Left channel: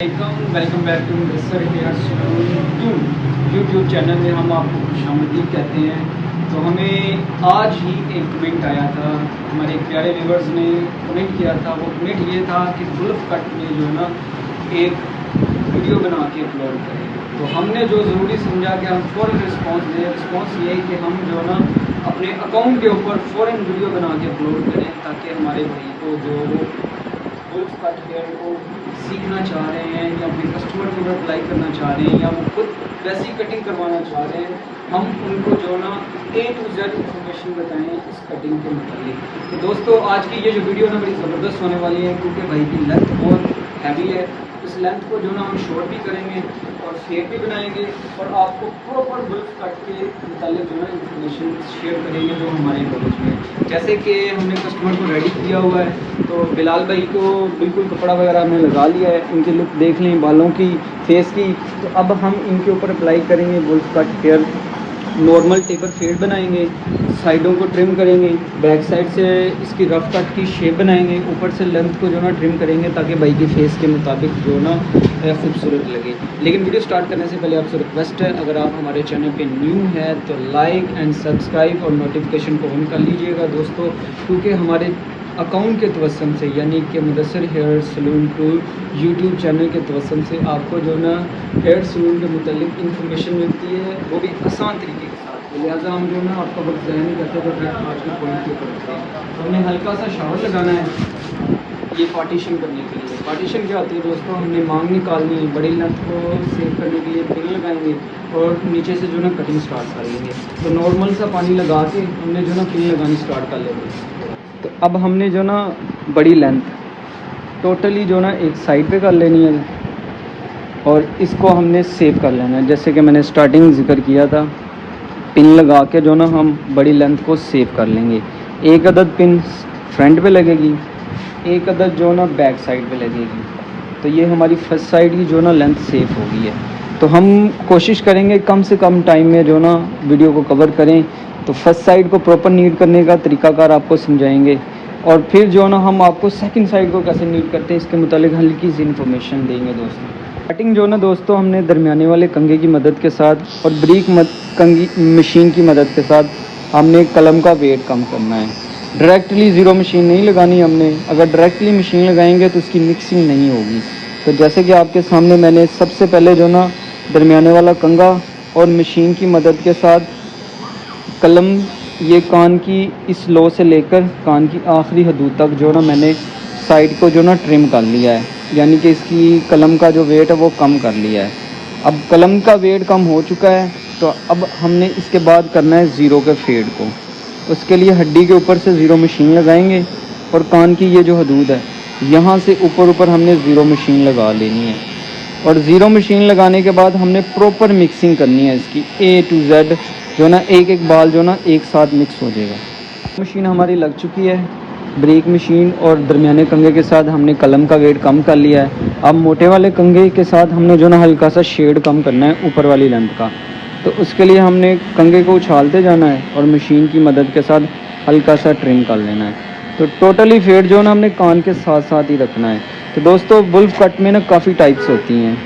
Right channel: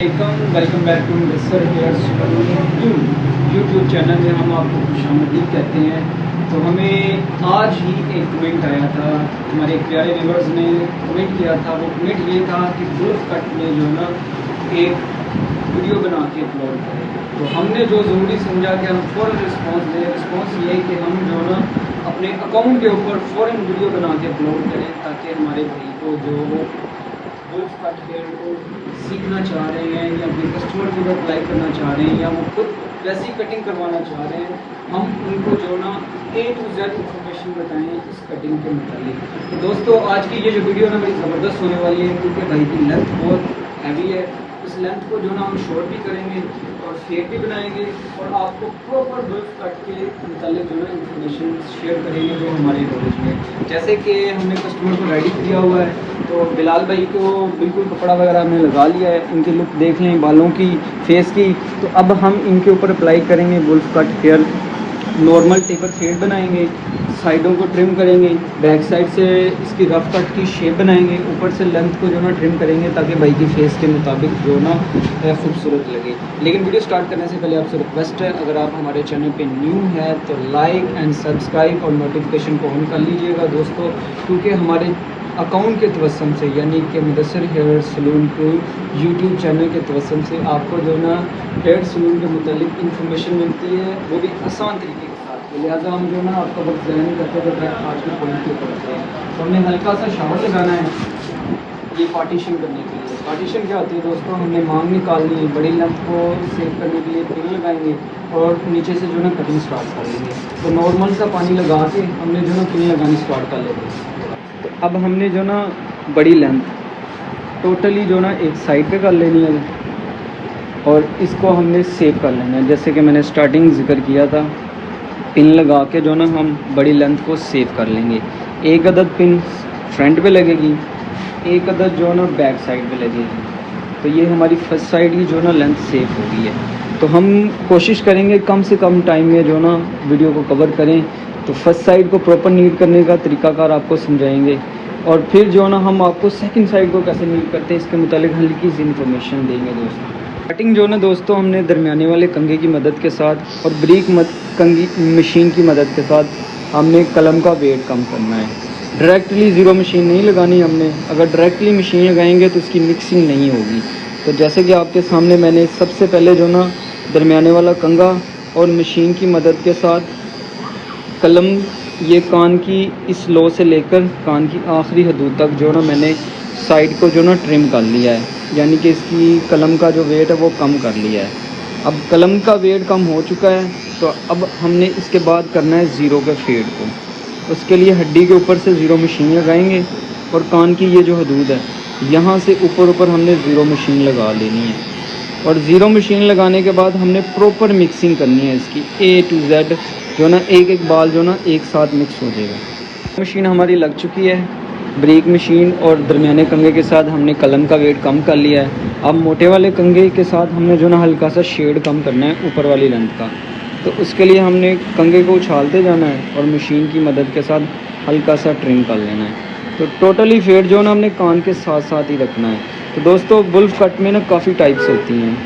Welcome back to Mister Hair Salon YouTube channel में हम आपको खुशामदीद कहते हैं। तो हमें आज ही एक कमेंट आया था, हमारे प्यारे व्यूअर्स ने कमेंट किया था। वो कमेंट ये था कि वुल्फ कट में जो है ना एक वीडियो बना के अपलोड करें। तो हमने जो ज़रूरी समझा कि हम फ़ौरन रिस्पॉन्स दें। रिस्पॉन्स ये है कि हम जो है ना अपने अकाउंट के ऊपर फ़ौरन वीडियो बना के अपलोड करें, ताकि हमारे भाई को जो वो वुल्फ कट हेयर को सीखना चाह रहे हैं या अपने कस्टमर को अप्लाई करना चाह रहे हैं या वो खुद वैसी कटिंग करवाना चाह रहे हैं, हम उनको जो ना A to Z इन्फॉर्मेशन बताएं इस कटिंग के मुताबिक। तो दोस्तों आज की ये जो वीडियो ना बड़ी ज़बरदस्त होने वाली है, क्योंकि भाई की लेंथ बहुत हैवी है। इस लेंथ को जो ना हम शॉर्ट भी करेंगे और शेप भी बनाएंगे और आपको प्रॉपर वुल्फ कट के मुताबिक जो ना इन्फॉर्मेशन शेयर करेंगे जो हमारे नॉलेज में। जैसे कि हमने कस्टमर को रेडी किया हुआ है, तो बिलाल भाई को बिल्कुल कपड़ा वगैरह हमने लगा लिया है। इनकी लुक देख लें, बालों की, फेस की। तो अब हम इनके ऊपर अप्लाई करेंगे wolf cut hair. Normal taper fade बनाएंगे, साइडों को ट्रिम करेंगे, बैक साइड से इसकी रफ कट की शेप बनाएंगे, ऊपर से लेंथ को जो ना ट्रिम करेंगे ताकि भाई की फेस के मुताबिक जो ना खूबसूरत लगे। लेकिन वीडियो स्टार्ट करने से पहले आपसे रिक्वेस्ट है, अगर आप हमारे चैनल पे न्यू है तो लाइक एंड सब्सक्राइब और नोटिफिकेशन को ऑन कर लीजिएगा दोस्तों, क्योंकि हमारे अकाउंट के तवस्सुम से यानी कि मुदस्सिर हेयर सलून को यूट्यूब चैनल के तवस्सुम से आपको जो ना हेयर सलून के मुतालिक इन्फॉर्मेशन मिलती है, वो भी आसान तरीके के साथ। लिहाजा हम जो ना आपका वक्त ज़ाया नहीं करते थे डायरेक्ट आज के पॉइंट के ऊपर से। तो हमने हल्का सा शावर लगाना है ये पार्टीशन करने के लिए। पार्टीशन क्या होती है दोस्तों, हमने मांग निकालनी है, बड़ी लेंथ को सेव करने के लिए पिन लगाएंगे और नीचे से जो ना कटिंग स्टार्ट कर लेंगे। तो नॉर्मल सा पानी लगा के हमने जो ना पिन लगानी स्टार्ट कर लेंगे। तो अब हमने जो ना बड़ी लेंथ टोटली जो ना एक साइड पे कर लेनी है और इसको हमने सेव कर लेना है। जैसे कि मैंने स्टार्टिंग जिक्र किया था, पिन लगा के जो ना हम बड़ी लेंथ को सेव कर लेंगे। एक अदद पिन फ्रंट पे लगेगी, एक अदद जो ना बैक साइड पे लगेगी। तो ये हमारी फर्स्ट साइड की जो ना लेंथ सेव हो गई है। तो हम कोशिश करेंगे कम से कम टाइम में जो ना वीडियो को कवर करें। तो फर्स्ट साइड को प्रॉपर नीट करने का तरीकाकार आपको समझाएंगे और फिर जो ना हम आपको सेकंड साइड को कैसे नीट करते हैं इसके मुतालिक हल्की सी इन्फॉर्मेशन देंगे दोस्तों। कटिंग जो ना दोस्तों हमने दरमियाने वाले कंघे की मदद के साथ और ब्रीक कंघी मशीन की मदद के साथ हमने कलम का वेट कम करना है। डायरेक्टली ज़ीरो मशीन नहीं लगानी हमने। अगर डायरेक्टली मशीन लगाएंगे तो उसकी मिक्सिंग नहीं होगी। तो जैसे कि आपके सामने मैंने सबसे पहले जो ना दरमियाने वाला कंघा और मशीन की मदद के साथ कलम ये कान की इस लो से लेकर कान की आखिरी हदूद तक जो ना मैंने साइड को जो ना ट्रिम कर लिया है, यानी कि इसकी कलम का जो वेट है वो कम कर लिया है। अब कलम का वेट कम हो चुका है, तो अब हमने इसके बाद करना है ज़ीरो के फेड को। उसके लिए हड्डी के ऊपर से ज़ीरो मशीन लगाएंगे और कान की ये जो हदूद है यहाँ से ऊपर हमने ज़ीरो मशीन लगा लेनी है। और ज़ीरो मशीन लगाने के बाद हमने प्रॉपर मिक्सिंग करनी है इसकी A to Z जो ना एक बाल जो ना एक साथ मिक्स हो जाएगा। मशीन हमारी लग चुकी है, ब्रेक मशीन और दरमियाने कंघे के साथ हमने कलम का वेट कम कर लिया है। अब मोटे वाले कंघे के साथ हमने जो ना हल्का सा शेड कम करना है ऊपर वाली लेंथ का। तो उसके लिए हमने कंघे को उछालते जाना है और मशीन की मदद के साथ हल्का सा ट्रिम कर लेना है। तो टोटली फेड जो ना हमने कान के साथ साथ ही रखना है। तो दोस्तों वुल्फ कट में ना काफ़ी टाइप्स होती हैं,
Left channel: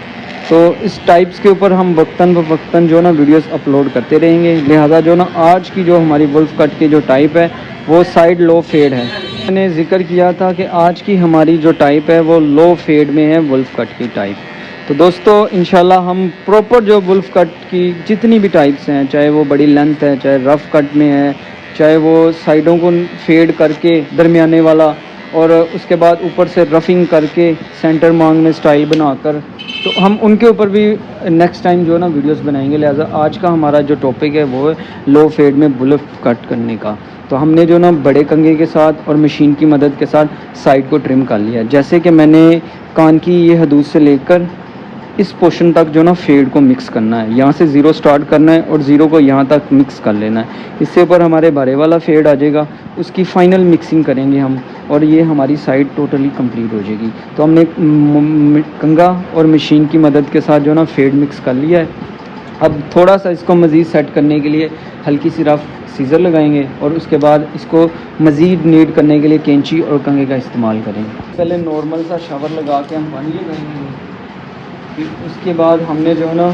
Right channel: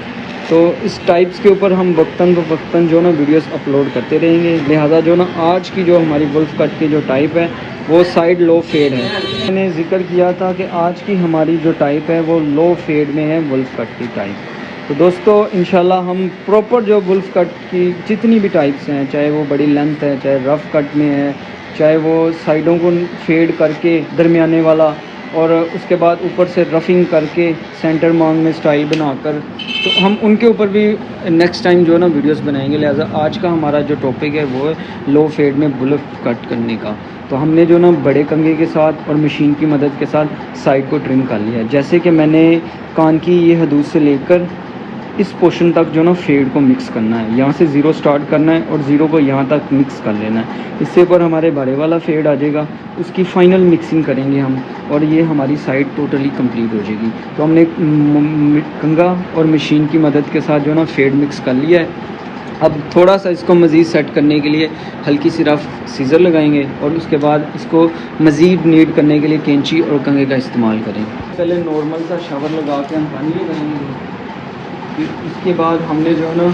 तो इस टाइप्स के ऊपर हम वक्तन जो ना वीडियोस अपलोड करते रहेंगे। लिहाजा जो ना आज की जो हमारी वुल्फ कट की जो टाइप है वो साइड लो फेड है। मैंने जिक्र किया था कि आज की हमारी जो टाइप है वो लो फेड में है वुल्फ कट की टाइप। तो दोस्तों इंशाल्लाह हम प्रॉपर जो वुल्फ कट की जितनी भी टाइप्स हैं, चाहे वो बड़ी लेंथ है, चाहे रफ़ कट में है, चाहे वो साइडों को फेड करके दरमियाने वाला और उसके बाद ऊपर से रफिंग करके सेंटर मांग में स्टाइल बनाकर, तो हम उनके ऊपर भी नेक्स्ट टाइम जो ना वीडियोस बनाएंगे। लिहाजा आज का हमारा जो टॉपिक है वो लो फेड में वुल्फ कट करने का। तो हमने जो ना बड़े कंघे के साथ और मशीन की मदद के साथ साइड को ट्रिम कर लिया। जैसे कि मैंने कान की ये हदूद से लेकर इस पोर्शन तक जो ना फेड को मिक्स करना है, यहाँ से ज़ीरो स्टार्ट करना है और ज़ीरो को यहाँ तक मिक्स कर लेना है। इससे ऊपर हमारे बड़े वाला फेड आ जाएगा, उसकी फ़ाइनल मिक्सिंग करेंगे हम और ये हमारी साइड टोटली कंप्लीट हो जाएगी। तो हमने कंघा और मशीन की मदद के साथ जो ना फेड मिक्स कर लिया है। अब थोड़ा सा इसको मज़ीद सेट करने के लिए हल्की सी रफ सीज़र लगाएंगे और उसके बाद इसको मज़ीद नीट करने के लिए कैंची और कंघे का इस्तेमाल करेंगे। पहले नॉर्मल सा शावर लगा के हम पानी लगाएंगे फिर उसके बाद हमने जो है ना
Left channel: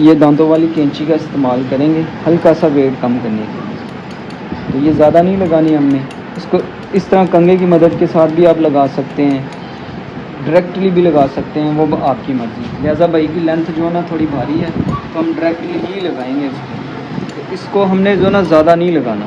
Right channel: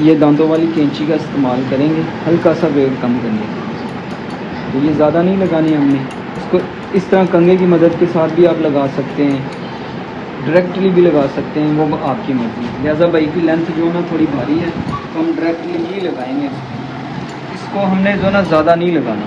ये दांतों वाली कैंची का इस्तेमाल करेंगे हल्का सा वेट कम करने के लिए। तो ये ज़्यादा नहीं लगानी हमने, इसको इस तरह कंघे की मदद के साथ भी आप लगा सकते हैं, डायरेक्टली भी लगा सकते हैं, वो आपकी मर्ज़ी। लिहाजा भाई की लेंथ जो है ना थोड़ी भारी है तो हम डायरेक्टली नहीं लगाएंगे इसको। इसको हमने जो है ना ज़्यादा नहीं लगाना,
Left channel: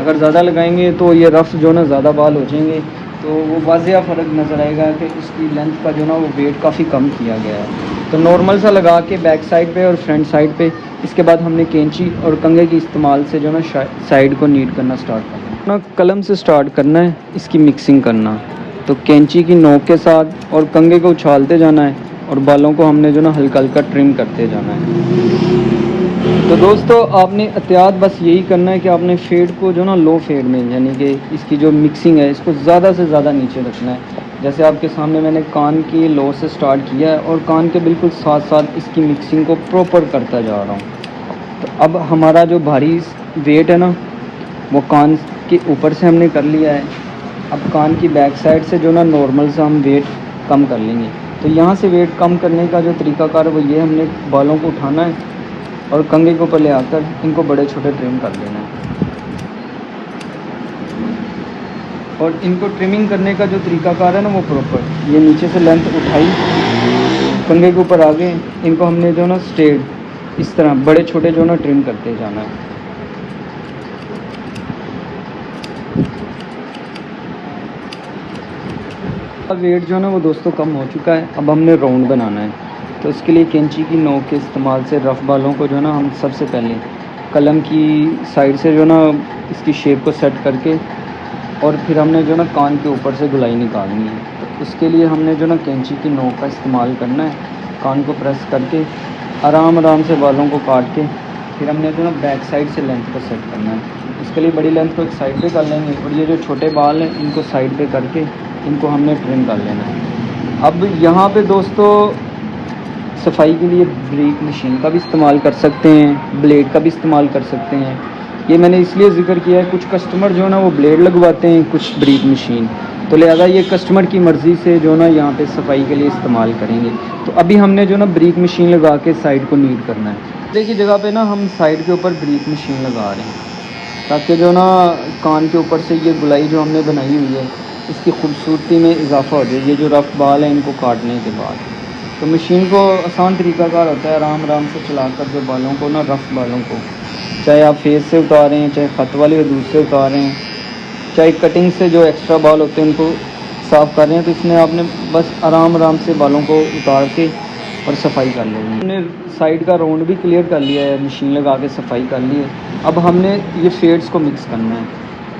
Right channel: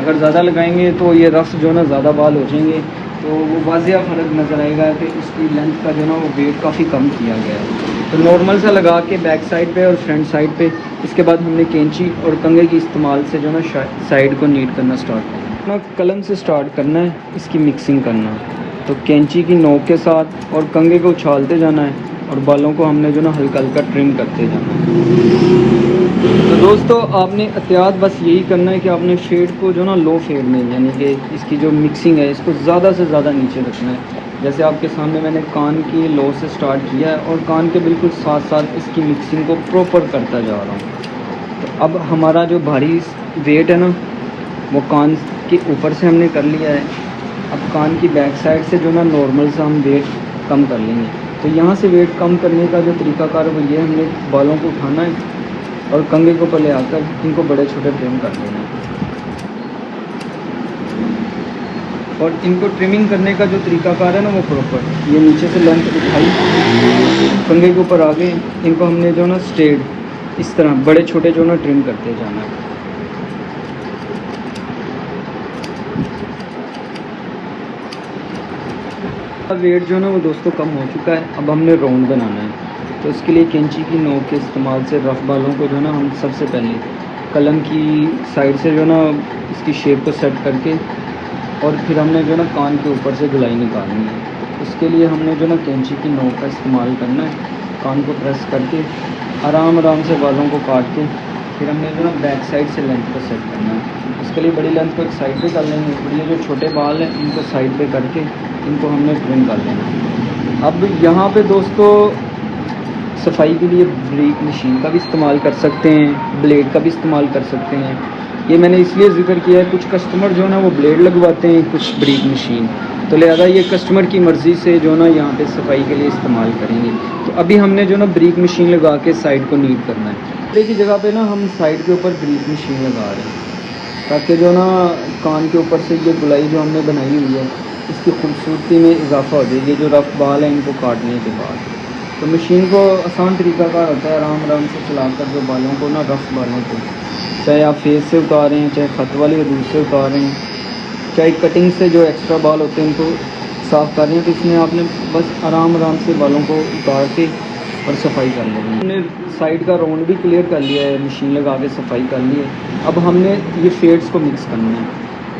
अगर ज़्यादा लगाएंगे तो ये रफ जो है ना ज़्यादा बाल हो जाएंगे, तो वो वाज़िया फ़र्क नज़र आएगा कि इसकी लेंथ का जो है ना वो वेट काफ़ी कम किया गया है। तो नॉर्मल सा लगा के बैक साइड पे और फ्रंट साइड पे, इसके बाद हमने कैंची और कंघे के इस्तेमाल से जो है ना साइड को नीट करना स्टार्ट करना है। कलम से स्टार्ट करना है, इसकी मिक्सिंग करना है। तो कैंची की नोक के साथ और कंघे को उछालते जाना है और बालों को हमने जो ना हल्का हल्का ट्रिम करते जाना है। तो दोस्तों आपने एहतियात बस यही करना है कि आपने फेड को जो ना लो फेड में, यानी कि इसकी जो मिक्सिंग है इसको ज़्यादा से ज़्यादा नीचे रखना है। जैसे आपके सामने मैंने कान की लो से स्टार्ट किया है और कान के बिल्कुल साथ साथ इसकी मिक्सिंग को प्रॉपर करता जा रहा हूँ। तो अब हमारा जो भारी वेट है ना वो कान के ऊपर से हमने कर लिया है। अब कान की बैक साइड से जो ना नॉर्मल से हम वेट कम कर लेंगे। तो यहाँ से वेट कम करने का जो तरीकाकार है वो ये, हमने बालों को उठाना है और कंघे को ऊपर ले आकर इनको बड़े छोटे ट्रिम कर लेना है। और इनको ट्रिमिंग करने का जो तरीकाकार है ना वो प्रॉपर, ये नीचे से लेंथ उठाई, कंघे के ऊपर आ गए, इनको हमने जो ना स्ट्रेट इस तरह बड़े छोटे जो ना ट्रिम करते जाना है। अब वेट जो है ना वो दोस्तों कम हो चुका है। अब हमने राउंड बनाना है, तो इसके लिए कैंची की नोक के इस्तेमाल से रफ बालों को जो है ना हम सबसे पहले कलम की साइड से जो है ना इसकी शेप को सेट करके और फिर हमने जो है ना कान के ऊपर से गुलाई निकालनी है। तो उसके लिए हमने जो ना कैंची की नोक का इस्तेमाल करना है, कान को प्रेस करके आराम आराम से बालों को काट के फिर हमने जो ना बैक साइड से लेंथ को सेट करना है। इसके लिए बड़ी लेंथ को एक साइड पे कर लेंगे और ये जो छोटे बाल हैं इनको साइड पे करके इनको हमने ट्रिम कर लेना। अब यहाँ पे दोस्तों सफाई के लिए ब्रेक मशीन का भी इस्तेमाल कर सकते हैं, ब्लेड का भी इस्तेमाल कर सकते हैं। ये मैंने इसलिए ज़िक्र किया है, कुछ कस्टमर जो है ना वो ब्लेड लगवाते हैं, कुछ ब्रेक मशीन, तो लिहाजा ये कस्टमर की मर्ज़ी से जो है ना यहाँ पे सफाई के लिए इस्तेमाल करेंगे। तो अभी हमने जो ना ब्रेक मशीन लगा के साइड को नीट करना है। ब्लेड की जगह पे ना हम साइड के ऊपर ब्रेक मशीन लगा रहे हैं ताकि जो ना कान के ऊपर से ये गुलाई जो हमने बनाई हुई है इसकी खूबसूरती में इजाफा हो जाए। ये जो रफ बाल हैं इनको काटने के बाद तो मशीन को आसान तरीका का होता है, आराम आराम से चलाकर जो बालों को ना रफ बालों को, चाहे आप फेस से उतारें, चाहे ख़त वाली हदूद से उतारें, चाहे कटिंग से जो एक्स्ट्रा बाल होते हैं उनको साफ़ कर रहे हैं, तो इसमें आपने बस आराम आराम से बालों को उतार के और सफाई कर लेनी है। हमने साइड का राउंड भी क्लियर कर लिया है, मशीन लगा के सफाई कर ली है। अब हमने ये शेड्स को मिक्स करना है,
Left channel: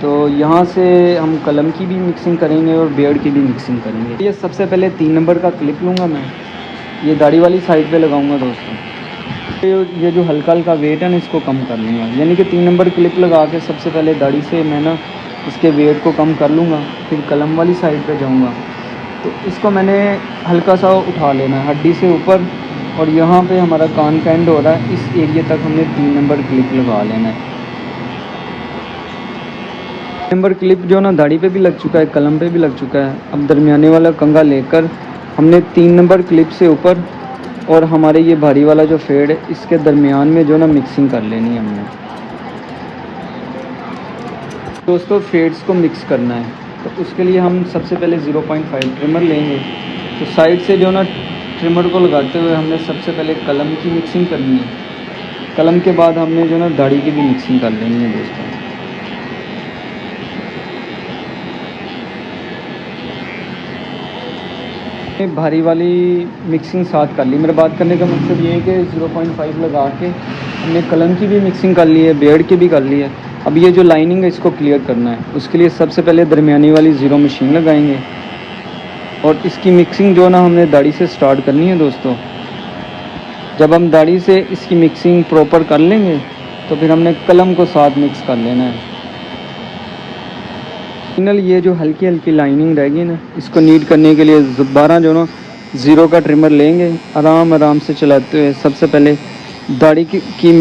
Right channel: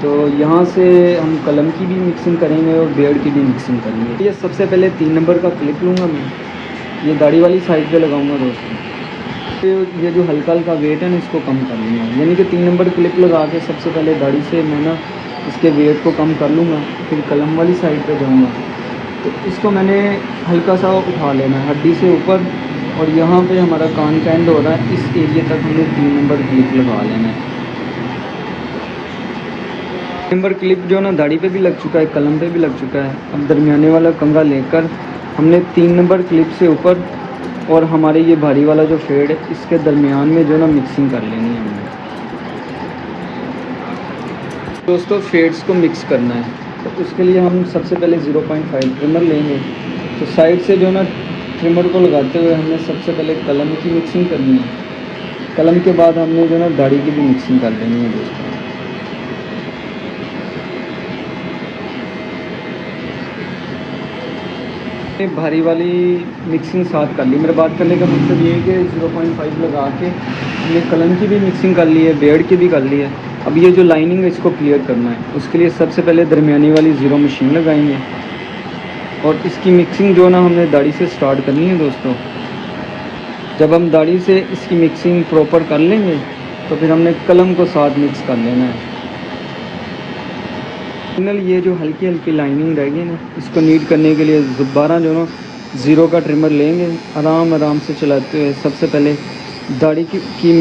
तो यहाँ से हम कलम की भी मिक्सिंग करेंगे और बियर्ड की भी मिक्सिंग करेंगे। ये सबसे पहले 3 नंबर का क्लिप लूँगा मैं, ये दाढ़ी वाली साइड पे लगाऊंगा दोस्तों। तो ये जो हल्का हल्का वेट है ना इसको कम कर लेंगे, यानी कि 3 नंबर क्लिप लगा के सबसे पहले दाढ़ी से मैं ना इसके वेट को कम कर लूँगा, फिर कलम वाली साइड पे जाऊँगा। तो इसको मैंने हल्का सा उठा लेना है हड्डी से ऊपर, और यहाँ पे हमारा कान का एंड हो रहा है, इस एरिया तक हमने 3 नंबर क्लिप लगा लेना है। नंबर क्लिप जो ना दाढ़ी पे भी लग चुका है, कलम पे भी लग चुका है। अब दरमियाने वाला कंघा लेकर हमने 3 नंबर क्लिप से ऊपर और हमारे ये भारी वाला जो फेड है इसके दरमियान में जो ना मिक्सिंग कर लेनी है हमने। दोस्तों फेड्स को मिक्स करना है, तो उसके लिए हम सबसे पहले 0.5 ट्रिमर लेंगे। तो साइड से जो ना ट्रिमर को लगाते हुए हमने सबसे पहले कलम की मिक्सिंग करनी है, कलम के बाद हमने जो ना दाढ़ी की भी मिक्सिंग कर लेनी है दोस्तों। भारी वाली मिक्सिंग साथ कर ली। मेरे बात करने का मकसद ये है कि 0.5 लगा के हमने कलम की भी मिक्सिंग कर ली है, बियर्ड की भी कर ली है। अब ये जो लाइनिंग है इसको क्लियर करना है, उसके लिए सबसे पहले दरमियानी वाली 0 मशीन लगाएंगे और इसकी मिक्सिंग जो ना हमने दाढ़ी से स्टार्ट करनी है दोस्तों। जब हम दाढ़ी से इसकी मिक्सिंग प्रॉपर कर लेंगे तो फिर हमने कलम को साथ मिक्स कर लेना है। फाइनल ये जो हल्की हल्की लाइनिंग रहेगी ना इसको नीट करने के लिए दोबारा जो ना 0 का ट्रिमर लेंगे, आराम आराम से चलाते हुए सबसे पहले दाढ़ी की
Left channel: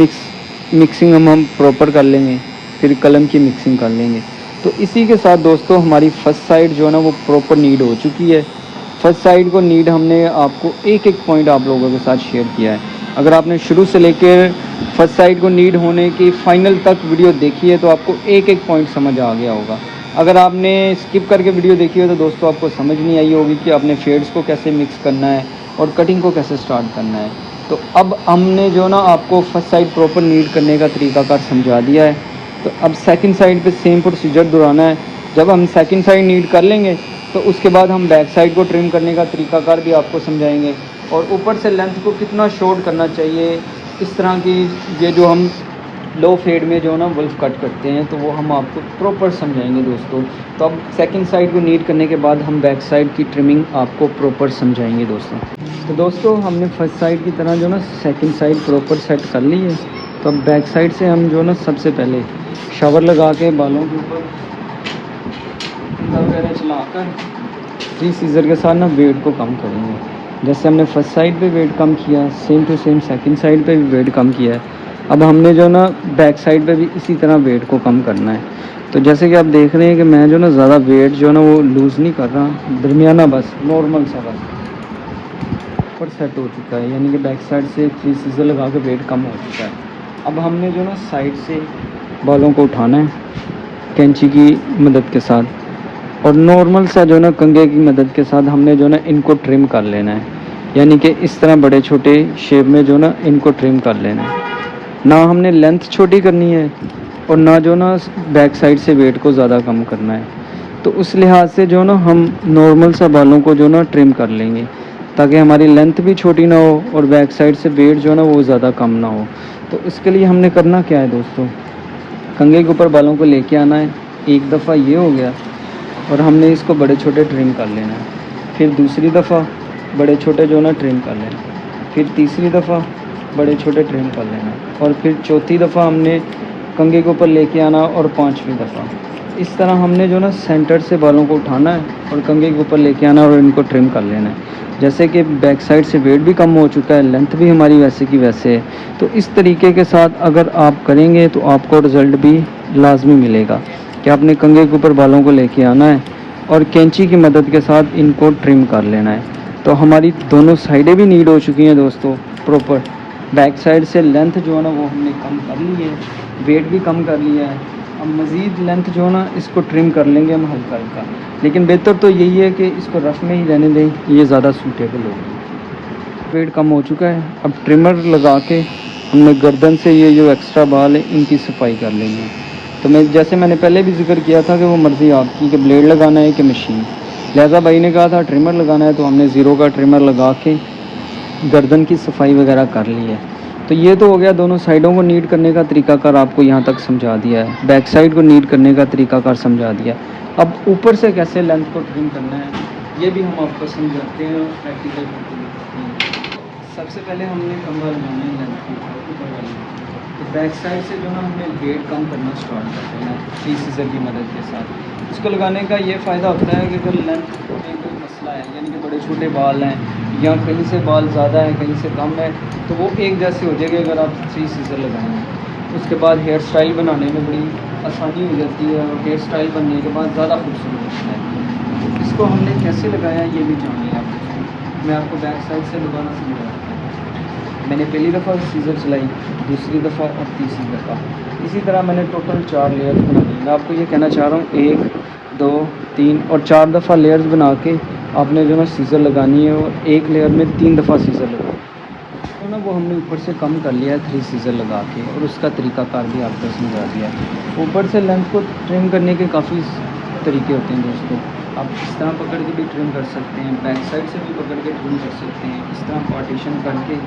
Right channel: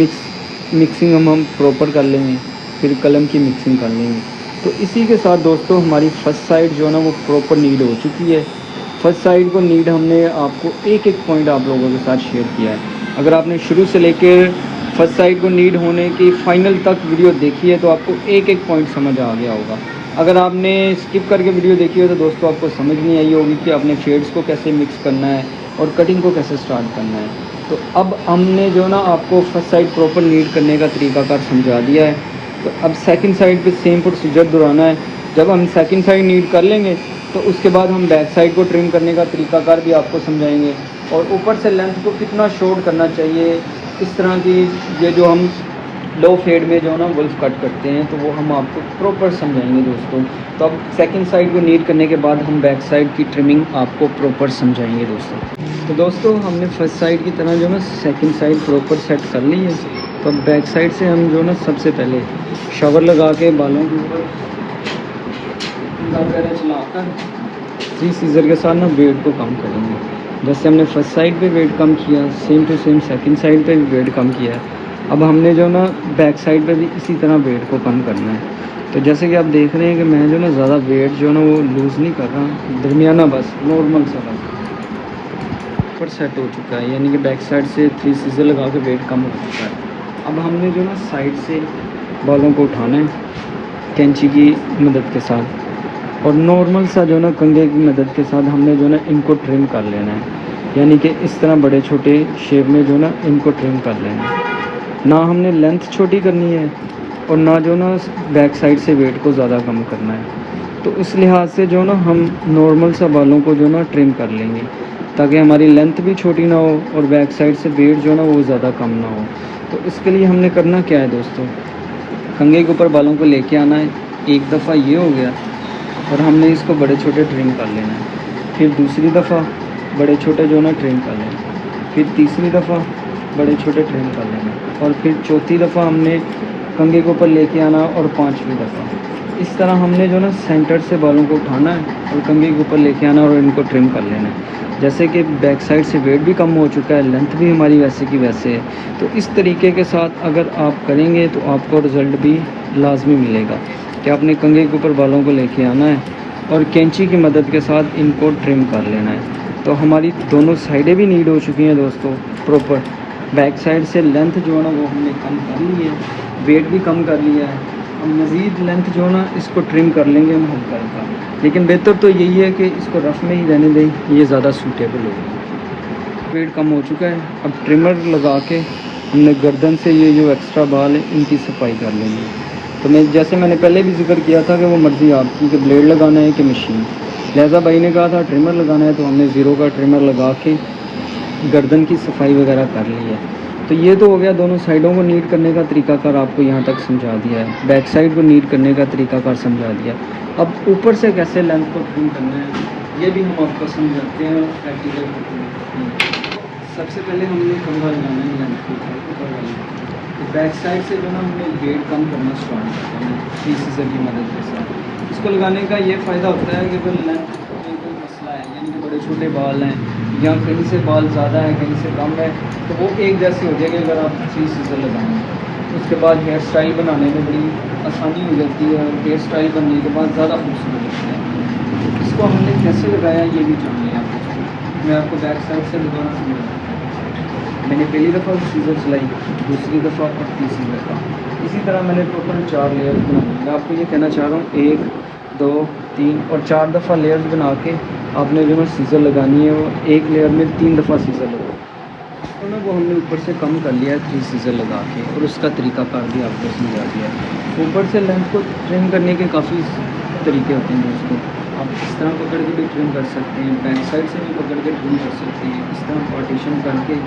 मिक्सिंग हम प्रॉपर कर लेंगे, फिर कलम की मिक्सिंग कर लेंगे। तो इसी के साथ दोस्तों हमारी फर्स्ट साइड जो है ना वो प्रॉपर नीट हो चुकी है। फर्स्ट साइड को नीड हमने आपको एक एक पॉइंट आप लोगों के साथ शेयर किया है। अगर आपने शुरू से लेकर फर्स्ट साइड को नीड होने की फ़ाइनल तक वीडियो देखी है तो आपको एक एक पॉइंट समझ आ गया होगा। अगर आपने स्किप करके वीडियो देखी हो तो दोस्तों आपको समझ नहीं आई होगी कि आपने शेड्स को कैसे मिक्स करना है और कटिंग को कैसे स्टार्ट करना है। तो अब हमने जो ना आपको फर्स्ट साइड प्रॉपर नीड करने का तरीकाकार समझा दिया है। तो अब सेकंड साइड पे सेम प्रोसीजर दोहराना है। जब हम सेकंड साइड नीड कर लेंगे तो उसके बाद हम बैक साइड को ट्रिम करने का तरीकाकार भी आपको समझाएंगे और ऊपर से लेंथ को कितना शॉर्ट करना चाहिए। इस तरह की ये जो हम लो फेड में जो है ना वुल्फ कट करते हैं तो वो हम आपको प्रॉपर समझाएंगे दोस्तों। तो अब सेकंड साइड को नीड करने के बाद हम बैक साइड की ट्रिमिंग आपको प्रॉपर समझाएंगे दोस्तों। तो दोस्तों हमने फर्स्ट साइड की तरह जो ना सेकंड साइड प्रॉपर सेट कर ली है। तो अब बैक साइड से हम जो ना सबसे पहले शावर लगा के बालों के ऊपर चलाकर 3 सीज़र के साथ ना वेट को कम करेंगे। जैसे हमने फर्स्ट साइड पे वेट कम किया same to same second side पे भी वेट कम किया है। अब हमने जो ना बैक साइड पे भी इसी तरह वेट को कम करना है। तो जैसे कि आप देख रहे हैं कि मैं जो ना ज़्यादा वेट जो है ना वो लूज़ नहीं कर रहा, दरमियाना बस नॉर्मल सा बस पर सेट हो चुका है। यानी कि बैक साइड से 3 सीज़र लगा के वेट कम हो चुका है। अब हमने जो ना साइड से बालों को उठाना कैंची की मदद के साथ और नॉर्मल सा जो ना कंघे की मदद के साथ हमने जो ना इनको ट्रिम कर लेना है। यानी कि इस तरह बड़े छोटे शेप में जो ना इनको ट्रिम कर लेना है। ना हमने लेंथ छोटी करनी है और ना जो ना बैक साइड से वेट को ज़्यादा कम करना है। तो उस लिहाज से जो ना हम नॉर्मल सा बालों को जो ना ट्रिम कर लेंगे ताकि हमारी लेंथ भी छोटी ना हो और बैक साइड से वेट जो ना वो ज़्यादा कम ना हो। तो इसके लिए हमने करना क्या है दोस्तों, कंघे के ऊपर बालों को लेके आना है। एक दफ़ा ये हो गया और हमने इसको बड़े छोटे ट्रिम कर लेना है। फिर दूसरी दफ़ा बड़े छोटे जो ना ट्रिम कर लेना, फिर तीसरी दफ़ा बड़े छोटे ट्रिम कर लेना और फिर चौथी दफ़ा हमने कंघे के ऊपर लेके आना और पांचवी दफ़ा। इस तरह हमने जो ना सेंटर से बालों को उठाना है और कंघे के ऊपर लेके आना और इनको ट्रिम कर लेना है। जैसे कि बैक साइड से वेट भी कम हो चुका है, लेंथ भी हमारी वैसे की वैसे है। तो इस तरीके के साथ अगर आप करेंगे तो आपको रिज़ल्ट भी लाजमी मिलेगा कि आपने कंघे के ऊपर बालों को लेके आना है और कैंची की मदद के साथ इनको ट्रिम कर लेना है। तो हमारी दोनों साइडें भी नीड हो चुकी हैं दोस्तों प्रॉपर। बैक साइड से लेंथ जो है ना वो हमने कम कर ली है, वेट भी कम कर लिया है। हम मज़ीद लेंथ जो है ना इसको ट्रिम कर लेंगे हम हल्का हल्का, लेकिन बेहतर तो यही है कि इसको रफ में ही रहने दें, ये ज़्यादा सूटेबल होगा। वेट कम हो चुका है। अब ट्रिमर लगा के हमने गर्दन से ये जो एक्स्ट्रा बाल है इनकी सफाई कर लेनी है। तो जैसे मैंने पहले भी जिक्र किया था कि वो मर्ज़ी आपकी कि ब्लेड लगाना है कि मशीन। लिहाजा भाई ने कहा था ट्रिमर लगाना है तो हमने ज़ीरो का ट्रिमर लगा के गर्दन की सफाई वगैरह कर ली है। तो ये तो हो गया दोनों साइडों को नीट करने का तरीकाकार आपको यहाँ तक समझा दिया है, बैक साइड को नीट करने का तरीकाकार समझा दिया। अब ऊपर से कैसे लेंथ को ट्रिम करना है ये भी हम आपको समझ लगते हैं प्रैक्टिकल। सबसे पहले हमने कमरा लगाना है लेंथ के ऊपर। तो बैक साइड से जो है हमने वेट कम करना स्टार्ट करते हैं 3 सीज़र की मदद के साथ। इसको लगाने का ये फ़ायदा होता है कि अगर लेंथ में कोई मसला है यानी कि बड़े छोटे बाल हैं या कहीं से बाल ज़्यादा है कहीं से कम है तो वो एक जैसे हो जाएगी अगर आप 3 सीज़र लगाएंगे। उसके बाद हेयर स्टाइल बनाने में बड़ी आसानी हो जाती है और हेयर स्टाइल बनने के बाद ज़्यादा खूबसूरत होती है। तो इसको हमने कैसे लगाया ये भी जान लिया। मैं आपको बैक साइड से दोबारा समझाता हूँ। मैंने पहली दफ़ा सीज़र चलाई, दूसरी दफ़ा और तीसरी दफ़ा, इसी तरह मैंने टोटल 4 लेयर बनाई। मैं आपको ये कहना चाह रहा हूँ 1 2 3 और 4 दफ़ा लेयर्स बना के आपने जो है सीज़र लगानी है। वो एक लेयर में 3 दफ़ा सीज़र लगा ना वो हमने ऊपर से कम कर लिया है 3 सीज़र लगा के और उसका तरीकाकार भी आपको समझा दिया है। ऊपर से लेंथ को ट्रिम करने के काफ़ी तरीके होते हैं दोस्तों। आप इस तरह पकड़ के भी ट्रिम कर सकते हैं, बैक साइड से भी पकड़ के ट्रिम कर सकते हैं। इस तरह पार्टीशन करके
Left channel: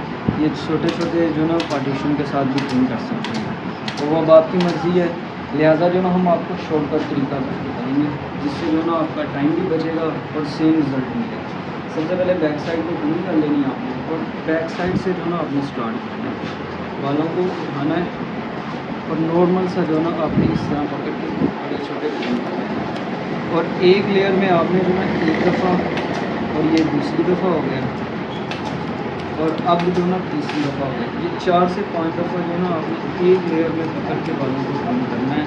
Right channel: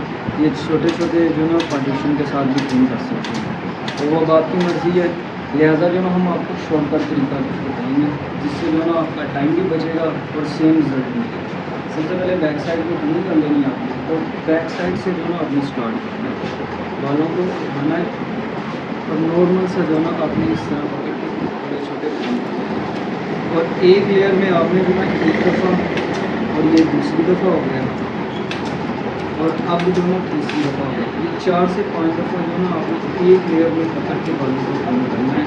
ये छोटे छोटे जो ना पार्टीशन के साथ भी ट्रिम कर सकते हैं। तो वो अब आपकी मर्ज़ी है। लिहाजा जो ना हम आपको शॉर्टकट तरीका बताएंगे जिससे जो ना आपका टाइम भी बचेगा और सेम रिजल्ट मिलेगा। सबसे पहले बैक साइड को ट्रिम कर लेनी है आपने और बैक साइड से जो ना आपने स्टार्ट करना है, बालों को उठाना है और नॉर्मल सा जो ना आपने इस तरह छोटे छोटे और एक लेयर में आपने जो ना एक दफ़ा और ये दूसरी दफ़ा हो गया और अब जो ना तीसरी दफ़ा हो गया। ये 4 से 5 दफ़ा जो ना आपने एक लेयर में पकड़ के बालों को ट्रिम करना है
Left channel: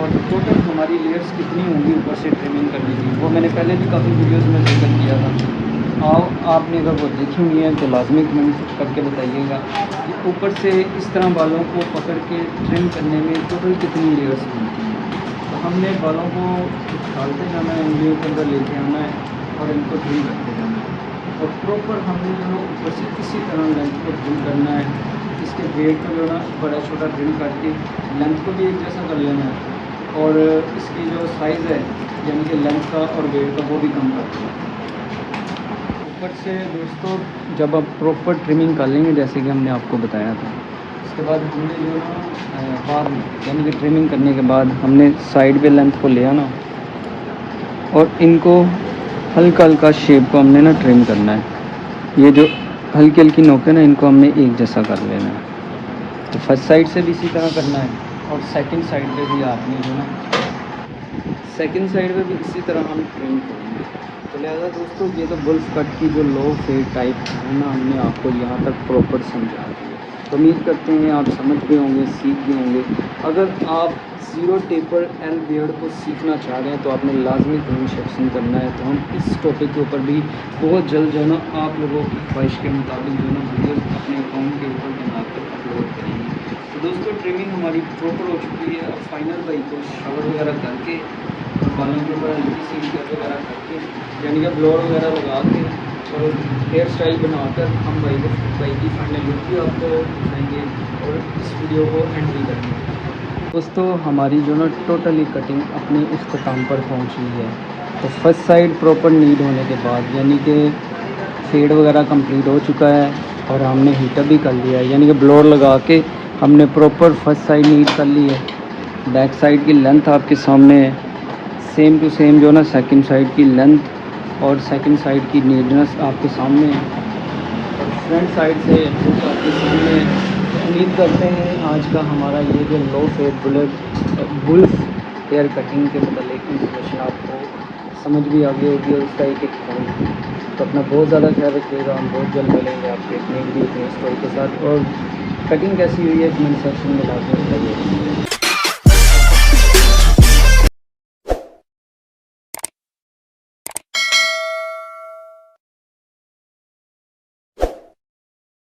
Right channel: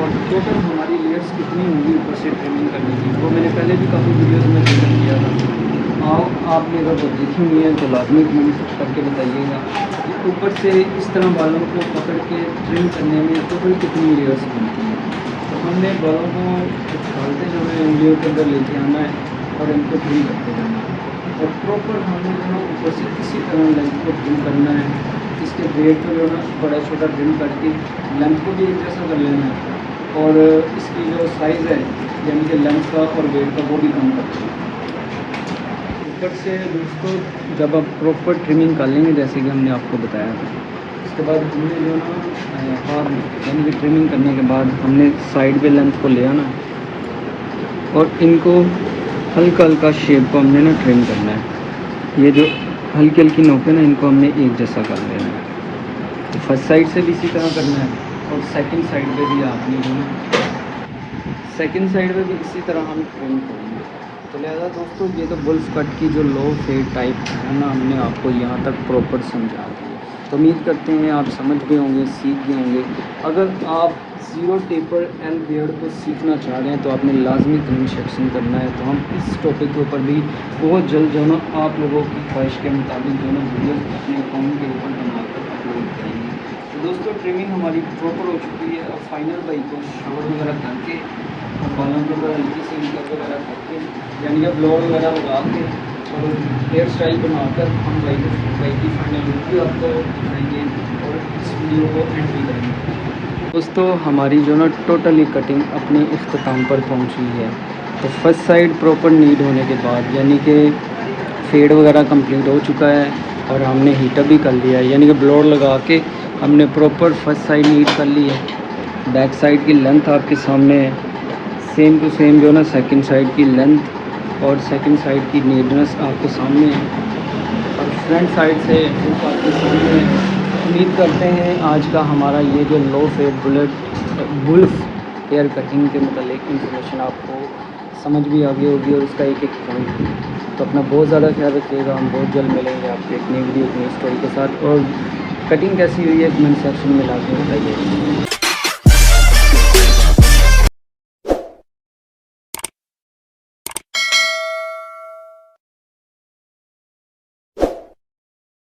और टोटल हमारी लेयर्स कितनी होंगी ऊपर से ट्रिमिंग करने की, वो मैंने पहले भी काफ़ी वीडियोज़ में जिक्र किया था। आपने अगर वो देखी हुई है तो लाजमी कमेंट करके बताइएगा कि ऊपर से इस तरह बालों को पकड़ के ट्रिम करने में टोटल कितनी लेयर्स बनती हैं। तो हमने बालों को उछालते जाना है, उंगलियों के अंदर लेके आना है और इनको ट्रिम करते जाना है। और प्रॉपर हमने जो है ऊपर से किसी तरह लेंथ को ट्रिम करना है। इसके वेट को जो है ना बड़ा छोटा ट्रिम करके लेंथ को भी एक जैसा कर लेना है और इसकी जो साइज़ है यानी कि लेंथ का और वेट का वो भी कम कर देना है। ऊपर से दोस्तों जब आप प्रॉपर ट्रिमिंग कर लेंगे जैसे कि हमने आपको बताया था, उसके बाद हमने जो और यानी कि ट्रिमिंग करने के बाद हमने साइड पे लेंथ को ले आना और इनको हल्का हल्का शेप को हमने ना ट्रिम करना है। ये जो हल्की हल्की नोकें ना इनको हमने एक जैसा कर लेना है। तो फर्स्ट साइड से भी इसी तरह करना है और सेकंड साइड पे भी आपने जो है सेकंड साइड पे भी इसी तरह हम ट्रिम करेंगे। तो लिहाजा दोस्तों ये जो बुल्स कट की जो लो फेड टाइप है ना हमने आपको यहाँ तक प्रॉपर समझा। उम्मीद करते हैं आप समझ भी होंगे, सीख भी होंगे। अगर आप ज़ीरो टेपर एंड बियर्ड को सीखना चाह रहे हैं तो आपने लाजमी कमेंट सेक्शन करना है। तो हम इस टॉपिक के ऊपर भी बहुत जल्द जो है ना आप लोगों की ख्वाहिश के मुताबिक जो है ना वीडियो अपने अकाउंट के ऊपर बनाकर अपलोड करेंगे। तो दोस्तों ट्रिमिंग हमारी प्रॉपर हो चुकी है और फाइनल बाइक को शावर वगैरह करके और बालों के ऊपर हल्की सी कट वगैरह करके यानी कि ब्लोअर वगैरह लगा के और हेयर स्टाइल बनाकर हम बाइक की फाइनल लुक भी आपको दिखाएंगे और इस वीडियो को एंड भी करेंगे। दोस्तों हमारी जो ना टोटली कटिंग अपने इख्तिताम पर पहुंची है। तो फर्स्ट साइड प्रॉपर नीट होने के बाद यानी कि फेड वगैरह कंप्लीट हो चुका है और हमने हीटर भी कर लिया है यानी कि ब्लोअर लगा के हमने प्रॉपर फर्स्ट साइड नीट कर ली है। बैक साइड की लेंथ आपके सामने है, सेम टू सेम जो ना सेकंड साइड की लेंथ और सेकंड साइड की नीटनेस आपके सामने है, फ्रंट साइड से आपके सामने है। उम्मीद करते हैं आज का हमारा ये जो लो फेड बुल्स हेयर कटिंग के मतलब इंफॉर्मेशन आपको समझ भी आ गई होगी। उसका एक तो अपना बहुत ज़्यादा ख्याल रखिएगा। हम बहुत जल्द मिलेंगे एक नई वीडियो स्टाइल के साथ और कटिंग कैसी हुई है कमेंट सेक्शन में।